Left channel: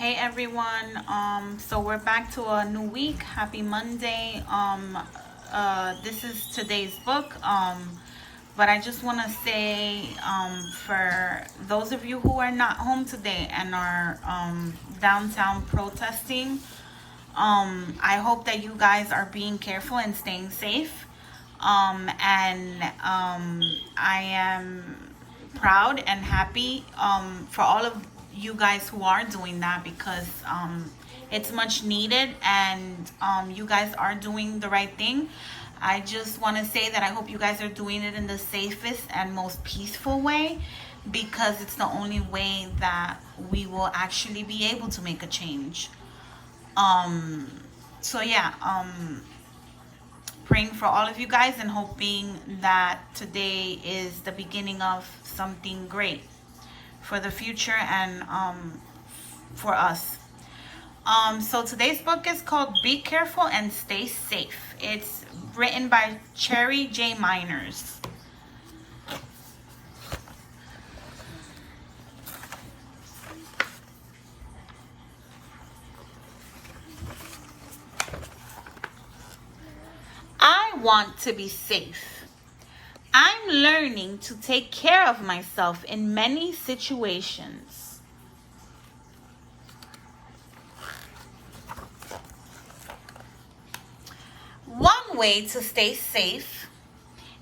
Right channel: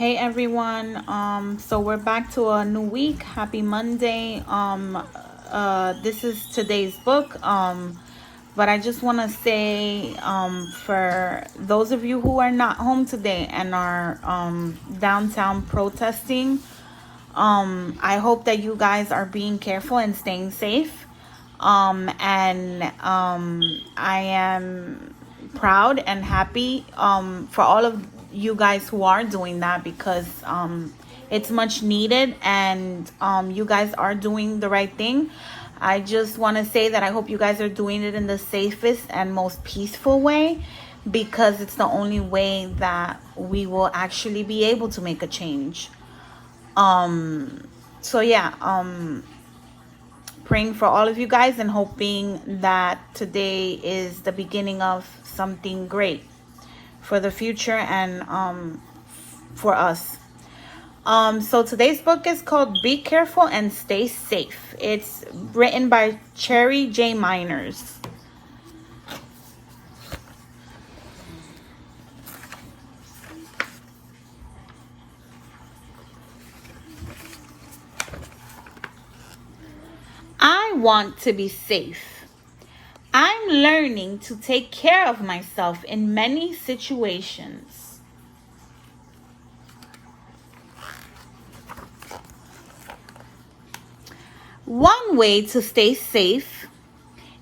Hey everyone. So we're back to a new week. Happy Monday. This is today's book. But I just want to say, for those of you who are not home today and are downtown protesting, I hope that you guys are being careful and staying safe. I am proud and happy for all of you guys who are doing that, because it's much needed, and you guys are doing the right thing. I just want to say that I hope you guys are doing it in the safest and most peaceful way, because it's the only way that we will actually be able to make a change. So yeah, praying for all of you guys and hoping that today is the beginning of something great for the future and for us. So today's book is called Be Careful and Stay Safe. It's written by Cherry J. Miners. I want to be safe. I'm learning to take care of myself in many situations. One way to stay safe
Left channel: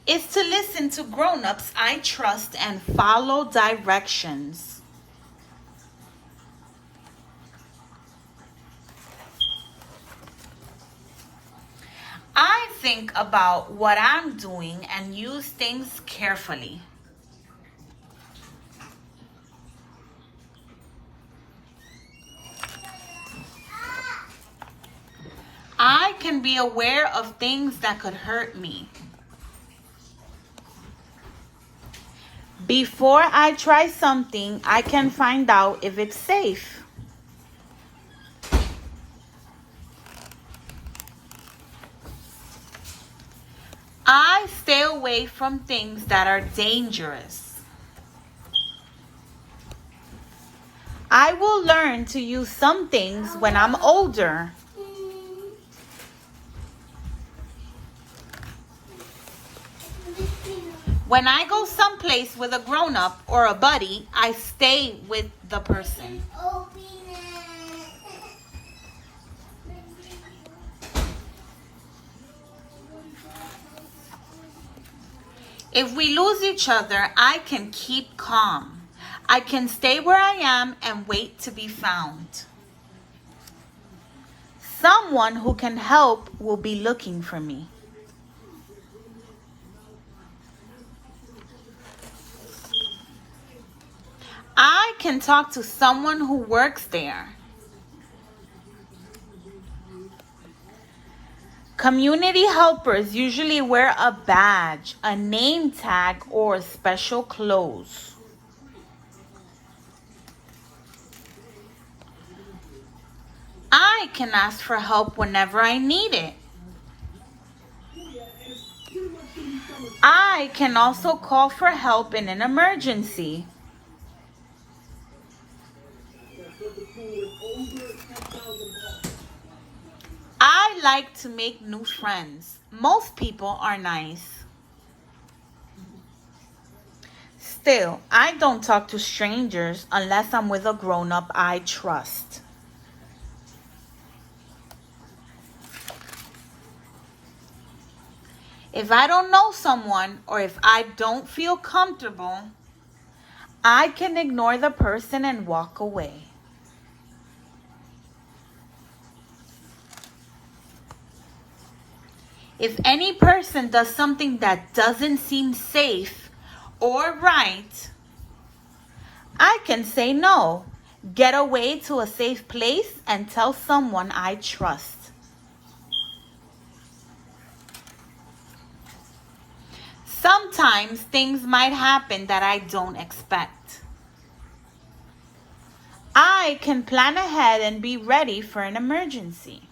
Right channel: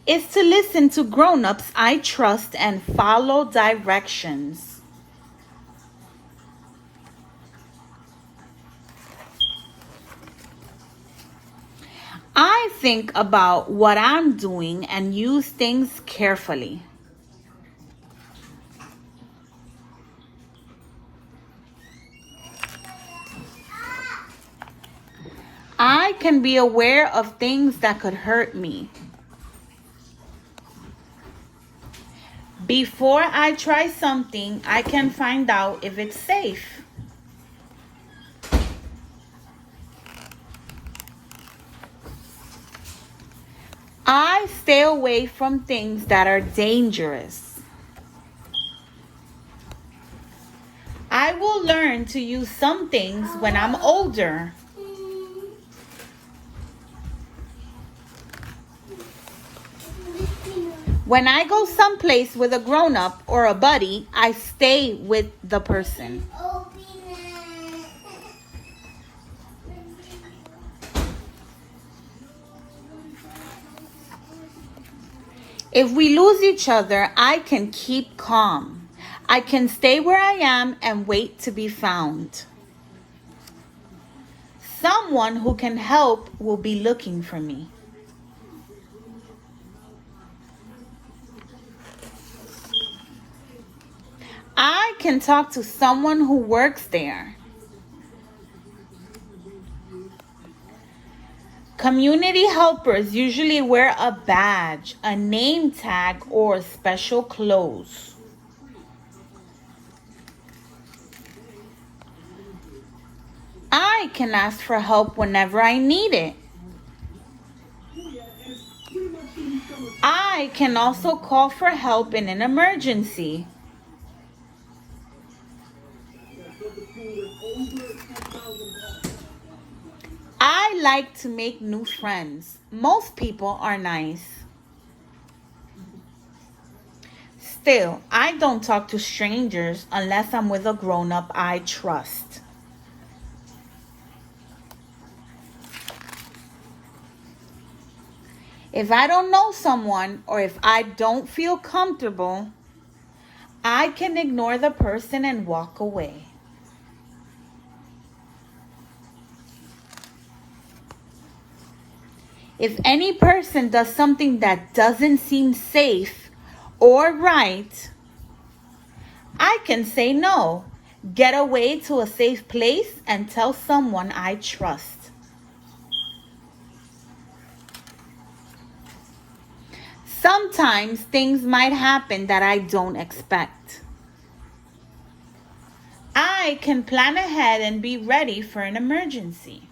is to listen to grown-ups I trust and follow directions. I think about what I'm doing and use things carefully. I can be aware of things that could hurt me. Before I try something, I can find out if it's safe. I stay away from things that are dangerous. I will learn to use some things when I'm older. When I go someplace with a grown-up or a buddy, I stay with the person. If we lose each other, I can keep calm. I can stay where I am and wait to be found. Someone who can help will be looking for me. I can talk to someone who works there. Community helpers usually wear a badge, a name tag, or special clothes. I can ask for help whenever I need it. I can also call for help in an emergency. I like to make new friends. Most people are nice. Still, I don't talk to strangers unless I'm with a grown-up I trust. If I don't know someone or if I don't feel comfortable, I can ignore the person and walk away. If any person does something that doesn't seem safe or right, I can say no, get away to a safe place, and tell someone I trust. Sometimes things might happen that I don't expect. I can plan ahead and be ready for an emergency.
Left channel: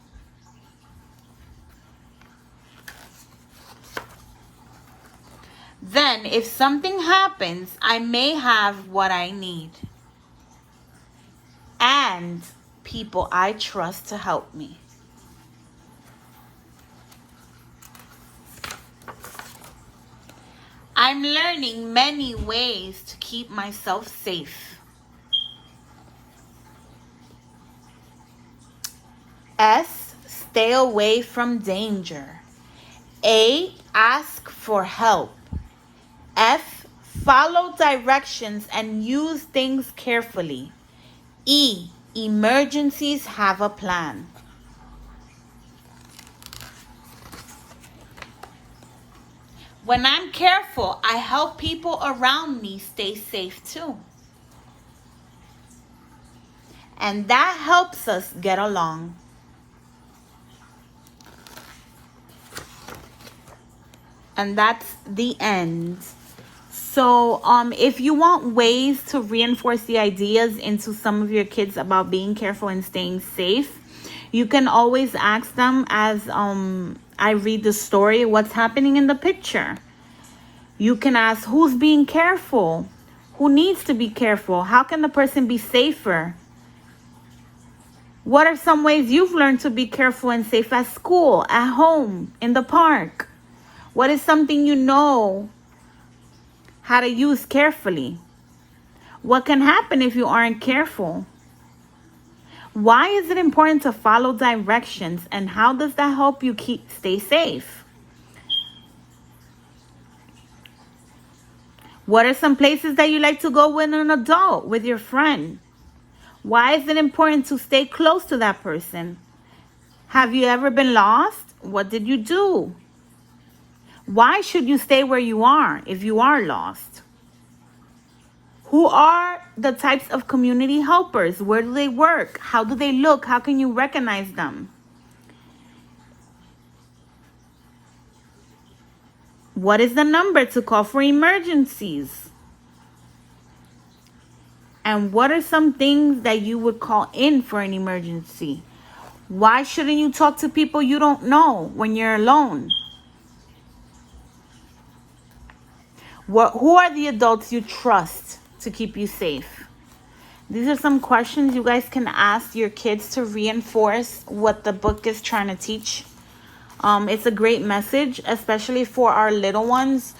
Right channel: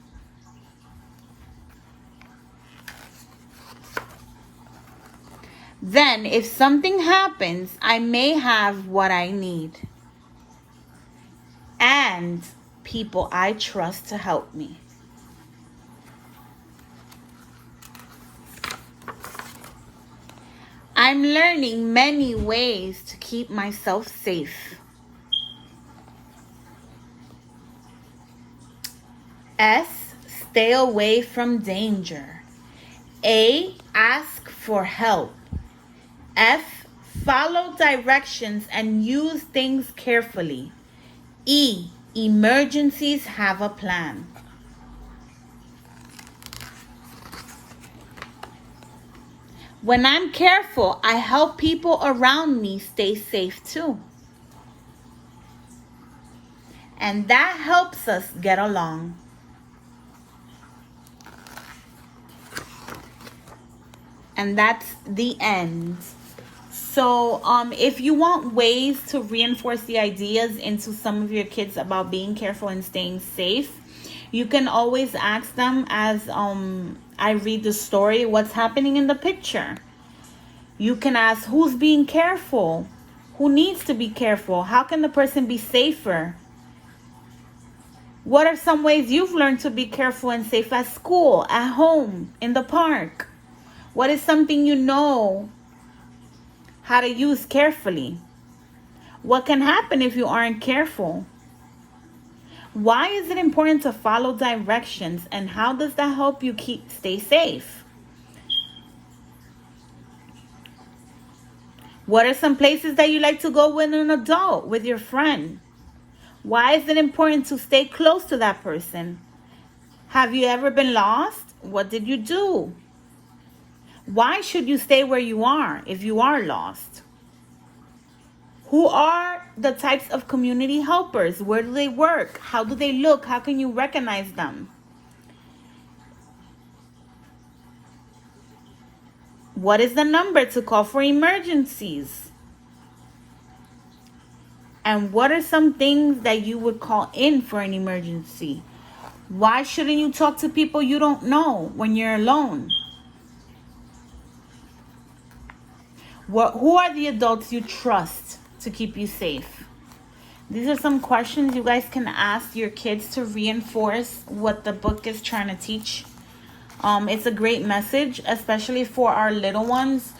Then, if something happens, I may have what I need. And people I trust to help me. I'm learning many ways to keep myself safe. S, stay away from danger. A, ask for help. F, follow directions and use things carefully. E, emergencies have a plan. When I'm careful, I help people around me stay safe too. And that helps us get along. And that's the end. So if you want ways to reinforce the ideas into some of your kids about being careful and staying safe, you can always ask them as I read the story, what's happening in the picture. You can ask, who's being careful? Who needs to be careful? How can the person be safer? What are some ways you've learned to be careful and safe at school, at home, in the park? What is something you know how to use carefully? What can happen if you aren't careful? Why is it important to follow directions, and how does that help you stay safe? What are some places that you like to go with an adult, with your friend? Why is it important to stay close to that person? Have you ever been lost? What did you do? Why should you stay where you are if you are lost? Who are the types of community helpers? Where do they work? How do they look? How can you recognize them? What is the number to call for emergencies? And what are some things that you would call in for an emergency? Why shouldn't you talk to people you don't know when you're alone? Who are the adults you trust to keep you safe? These are some questions you guys can ask your kids to reinforce what the book is trying to teach. It's a great message, especially for our little ones.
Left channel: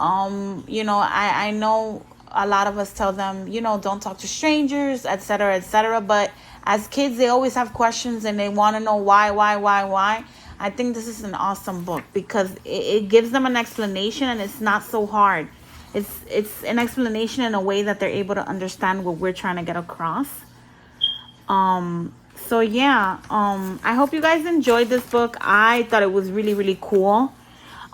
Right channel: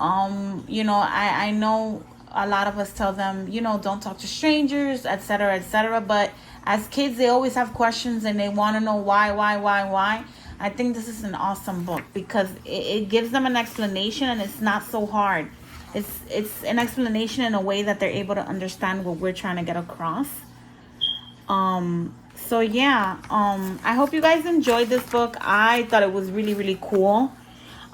I know a lot of us tell them, don't talk to strangers, etc., etc. But as kids, they always have questions and they want to know why. I think this is an awesome book because it gives them an explanation, and it's not so hard. It's an explanation in a way that they're able to understand what we're trying to get across. So yeah, I hope you guys enjoyed this book. I thought it was really, really cool.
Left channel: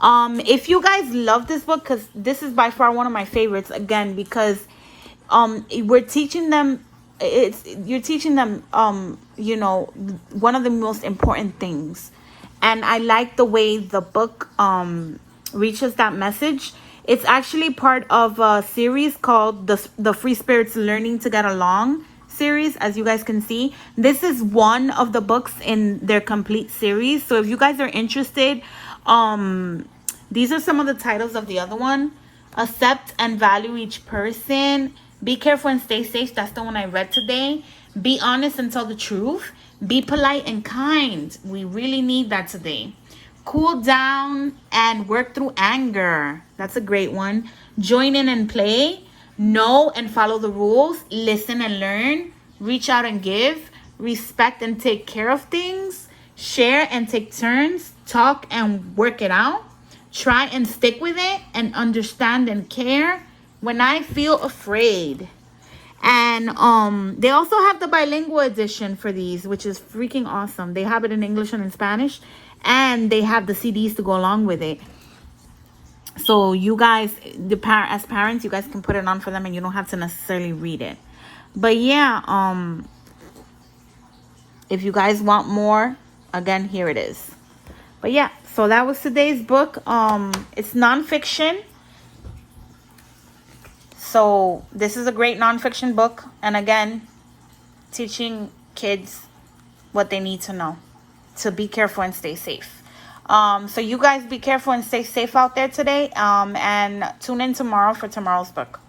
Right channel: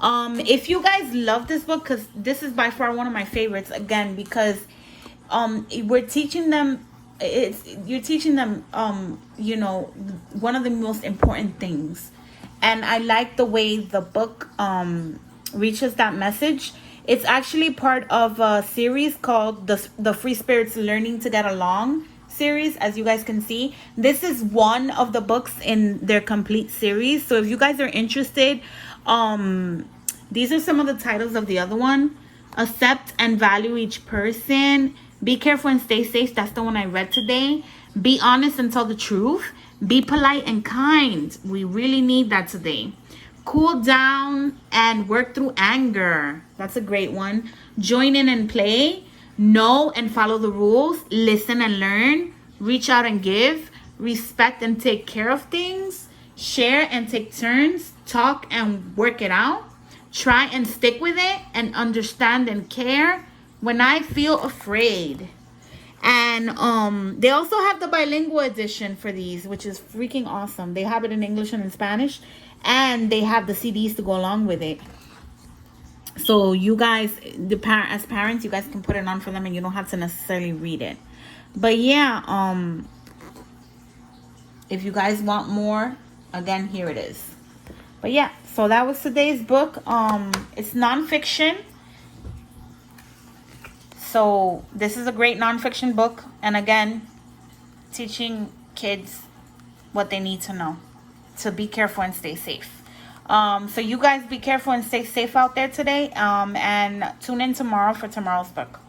If you guys love this book, because this is by far one of my favorites, again, because we're teaching them, you're teaching them, one of the most important things. And I like the way the book reaches that message. It's actually part of a series called the Free Spirits Learning to Get Along series. As you guys can see, this is one of the books in their complete series. So if you guys are interested, these are some of the titles of the other one. Accept and Value Each Person. Be Careful and Stay Safe. That's the one I read today. Be Honest and Tell the Truth. Be Polite and Kind. We really need that today. Cool Down and Work Through Anger. That's a great one. Join in and play. Know and follow the rules. Listen and learn. Reach out and give. Respect and take care of things. Share and take turns. Talk and work it out. Try and stick with it. And understand and care. When I Feel Afraid. And they also have the bilingual edition for these, which is freaking awesome. They have it in English and in Spanish, and they have the CDs to go along with it. So you guys, as parents, you guys can put it on for them, and you don't have to necessarily read it. But yeah, if you guys want more, again, here it is. But yeah, so that was today's book. It's nonfiction. So this is a great nonfiction book. And again, teaching kids what they need to know to be careful and stay safe. So you guys be careful and stay safe out there today. And tune in tomorrow for tomorrow's book.